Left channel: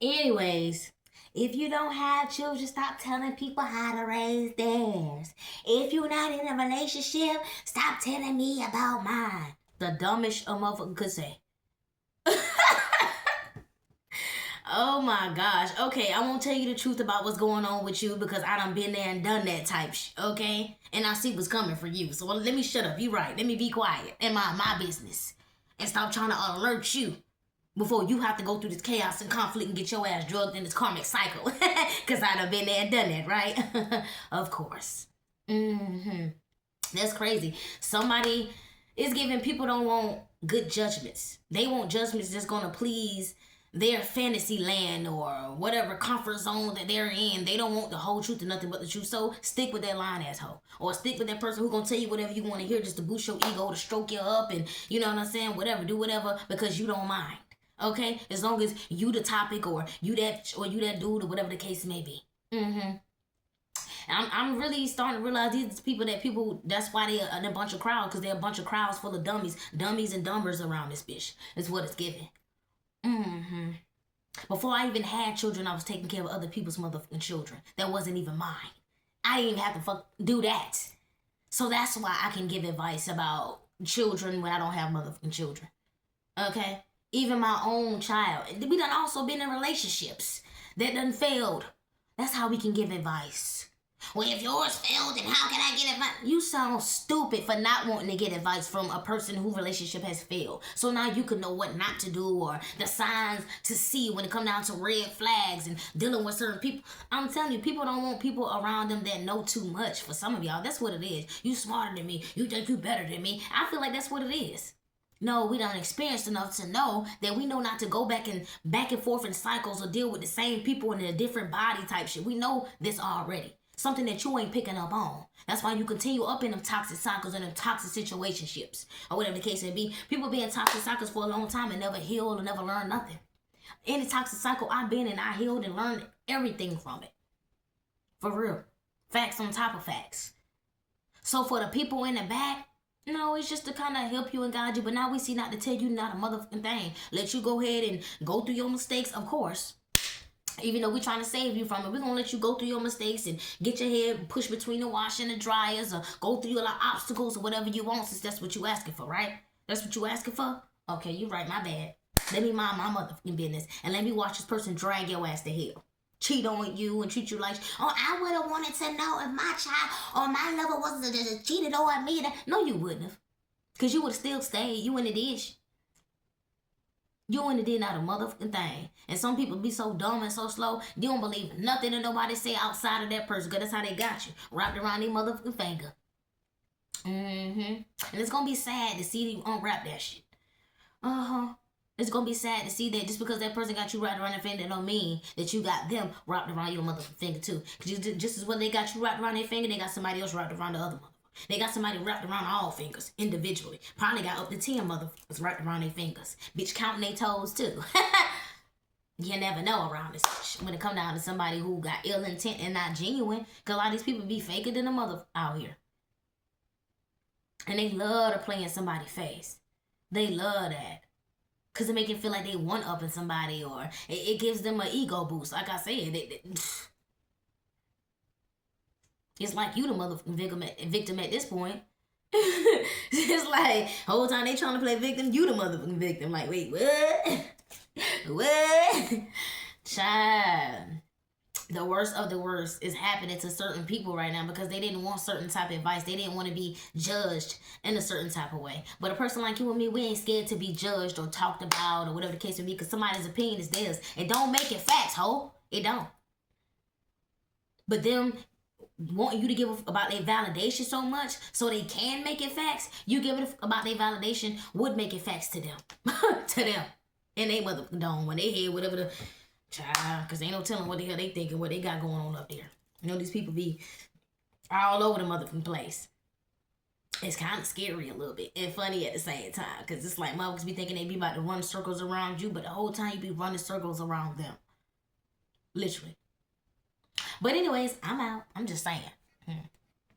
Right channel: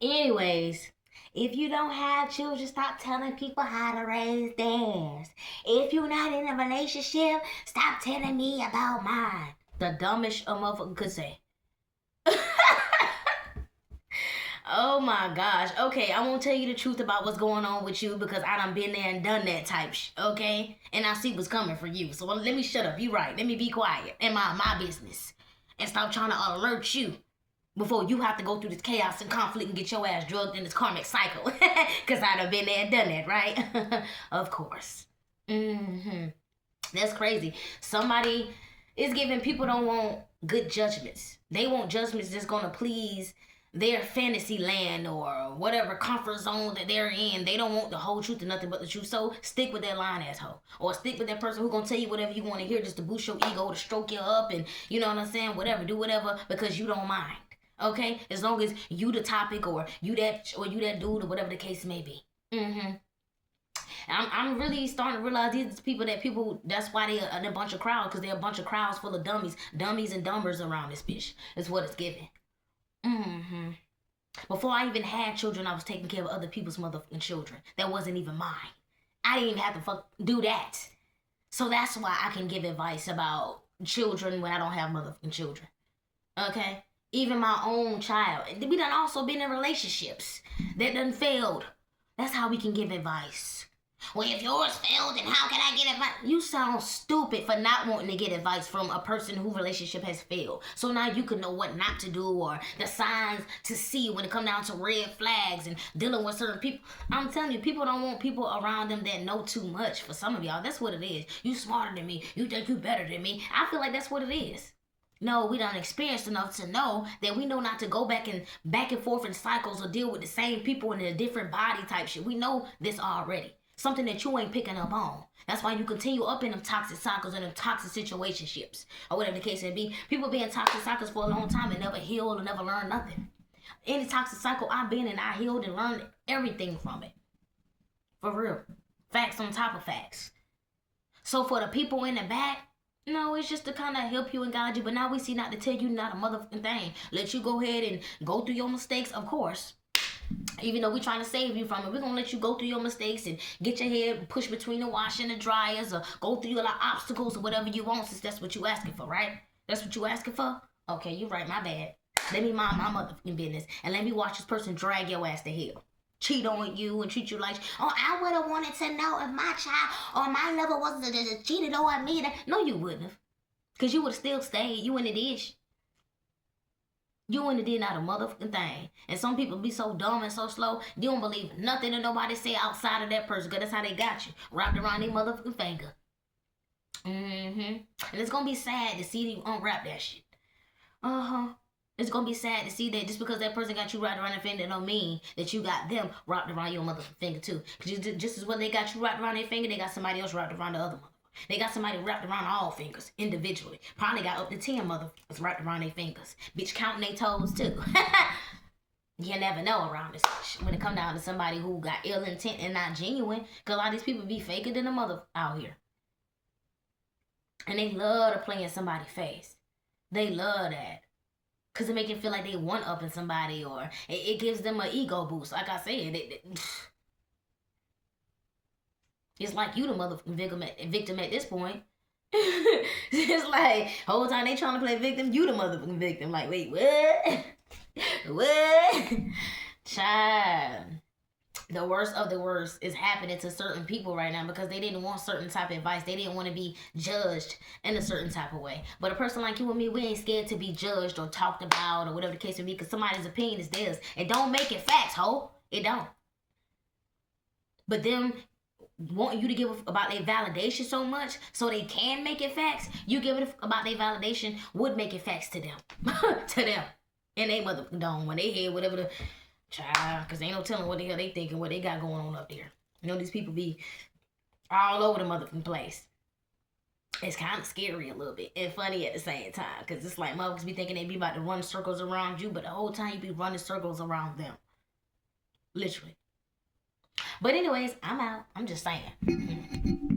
Anyways, if you don't have children, stop telling people how to raise theirs. If you're not in a relationship, stop telling me about mine. The dumbest a motherfucker could say. Oh my gosh. Okay, I won't tell you the truth about what's going on with you because I done been there and done that type okay? And I see what's coming for you. So let me shut up. You right. Let me be quiet and mind my business. And stop trying to alert you before you have to go through this chaos and conflict and get your ass drugged in this karmic cycle. Because I done been there and done that, right? Of course. That's crazy. Somebody is giving people don't want good judgments. They want judgments that's going to please their fantasy land or whatever comfort zone that they're in. They don't want the whole truth and nothing but the truth. So stick with that lying asshole. Or stick with that person who's gonna tell you whatever you want to hear just to boost your ego, to stroke you up, and you know what I'm saying? Whatever, do whatever because you don't mind. Okay? As long as you the topic or you that dude or whatever the case may be. I'm really starting to realize these people, that's why they're in a bunch of crowds, because they're a bunch of crowds full of dummies and dumbers around this bitch. It's what it's giving. Before I even had children, I was taking care of other people's motherfucking children. That wasn't even mine. I didn't even have to do that. So that's why I can give advice about children when I don't have motherfucking children. Okay? Even my own child. We done also been in relationships that done failed. That's how we can give advice. Well, if yours failed, then how can I get advice? You sound stupid for not wanting to get advice from a person whose relationship has failed. So now you can know what not to do or the signs to see when it comes down to red flags and dealing with certain people. I'm telling you, people don't want people around them that know too much. For some of y'all, that's what it is. You smarter than me. You think you better than me. I feel like that's what it is. No, we done experienced enough to know that we know not to go back and forth in cycles or deal with the same people in a different body type shit. We know this already. Something that you ain't picking up on. That's why you continue up in them toxic cycles and them toxic situationships. Or whatever the case may be. People be in toxic cycles for a long time and never heal or never learn nothing. Any toxic cycle I've been in, I healed and learned everything from it. For real. Facts on top of facts. So for the people in the back, no, it's just to kind of help you and guide you. But now we see not to tell you not a motherfucking thing. Let you go ahead and go through your mistakes, of course. Even though we're trying to save you from it, we're going to let you go through your mistakes and get your head pushed between the wash and the dryers or go through your obstacles or whatever you want, since that's what you asking for, right? That's what you asking for? Okay, you're right, my bad. Let me mind my motherfucking business and let me watch this person drag your ass to hell. Cheat on you and treat you like, oh, I would have wanted to know if my child or my lover wasn't just cheated on me. No, you wouldn't have. Because you would have still stayed. You in the dish. You wouldn't have did not a motherfucking thing. And some people be so dumb and so slow, you don't believe nothing that nobody say outside of that person, because that's how they got you. Wrapped around their motherfucking finger. And it's going to be sad to see you unwrap that shit. It's going to be sad to see that just because that person got you wrapped around their finger, that don't mean that you got them wrapped around your motherfucking finger too. Because just as well they got you wrapped around their finger, they got somebody else wrapped around the other motherfucker. They got somebody wrapped around all fingers individually. Probably got up to 10 motherfuckers wrapped around their fingers. Bitch, counting their toes too. You never know around this shit. When it come down to somebody who got ill intent and not genuine. Because a lot of these people be faker than a mother out here. And they love to play in somebody's face. They love that. Because it make it feel like they one-upping somebody, or it gives them an ego boost. Like I said, it's like you the motherfucking victim at this point. It's like, whole time they trying to play victim, you the motherfucking victim. Like, wait, what? What? Child. The worst of the worst is happening to certain people right now because they didn't want certain type of advice. They didn't want to be judged in a certain type of way. But a person like you and me, we ain't scared to be judged or talked about or whatever the case may be, because somebody's opinion is theirs. It don't make it facts, ho. It don't. But them wanting you to give about their validation so much so they can make it facts, you give it about their validation would make it facts to them. To them. And they motherfucking don't. When they hear whatever the... Child, because ain't no telling what the hell they thinking, what they got going on up there. You know, these people be all over the motherfucking place. It's kind of scary a little bit and funny at the same time, because it's like motherfuckers be thinking they be about to run circles around you, but the whole time you be running circles around them. Literally. But anyways, I'm out. I'm just saying.